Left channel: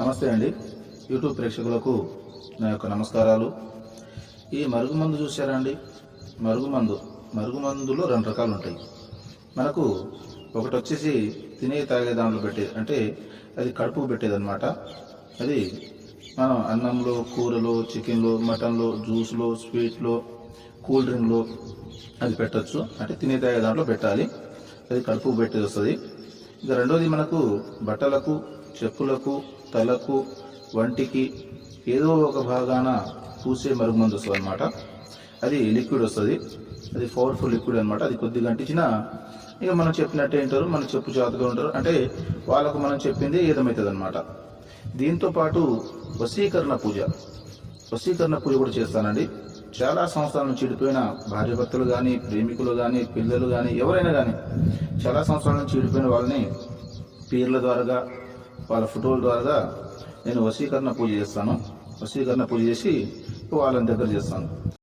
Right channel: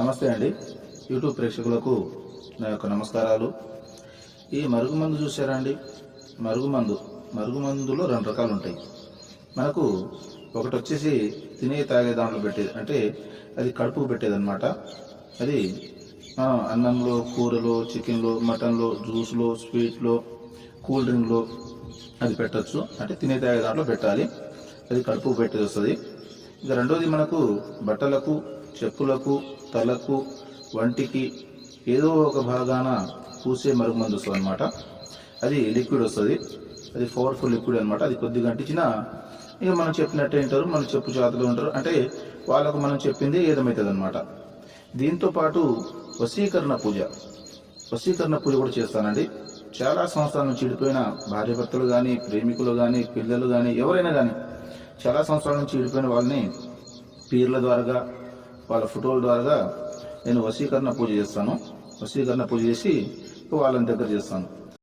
నమస్తే అండి. యూట్యూబ్ ప్రేక్షకులకు నా యొక్క నమస్కారాలు. ఈ మరుగుమందు చూసారా అండి? మరుగుమందులో రెండు రకాలు ఉంటాయి. మనకు ఒకటి వచ్చేసి తినే తాగే దాంట్లో పెట్టేది, అంటే అది కడుపుకు పెట్టేదన్నమాట. అది మనం అన్నంలో, కూరలో, చికెన్లో, మటన్లో, జ్యూస్లో, స్వీట్లో, కూల్ డ్రింక్లో అది పెట్టచ్చు. అంటే తినే తాగే దాంట్లో పెట్టాలి, అది కడుపుకు పెట్టేది వస్తుంది. ఇక రెండోది మనకు బట్టలకు, చెప్పులకు, తలకు, వంటికి ఏదో ఒక భాగాన పూసే మరుగుమందు వస్తుంది అనమాట. అది లిక్విడ్ వస్తుంది, అది పవర్ఫుల్ లిక్విడ్ అనమాట. అది కొద్దిగా అంటించినా ఇక మనం చెప్పినట్టే వింటారు, మన చెప్పు చేతులు ఉంటారు, అంటే వాళ్ళకు మనం చెప్పింది ఏదమవుతుంది అనమాట. దీంతో పాటు వశీకరణ పూజ కూడా చేస్తానండి. చాలా సంవత్సరాల నుంచి విడిపోయిన భార్యాభర్తలు కానీ, ప్రేమికులు కానీ, పిల్లలు కానీ, ఎవరైనా కానీ చాలా సంవత్సరాల నుంచి విడిపోయిన వాళ్ళని పీర్ల ద్వారా, వాళ్ళ ఫోటోల ద్వారా నేను వశీకరణ పూజ చేస్తాను. వశీకరణ పూజ చేసి వాళ్ళని దగ్గర చేస్తాను.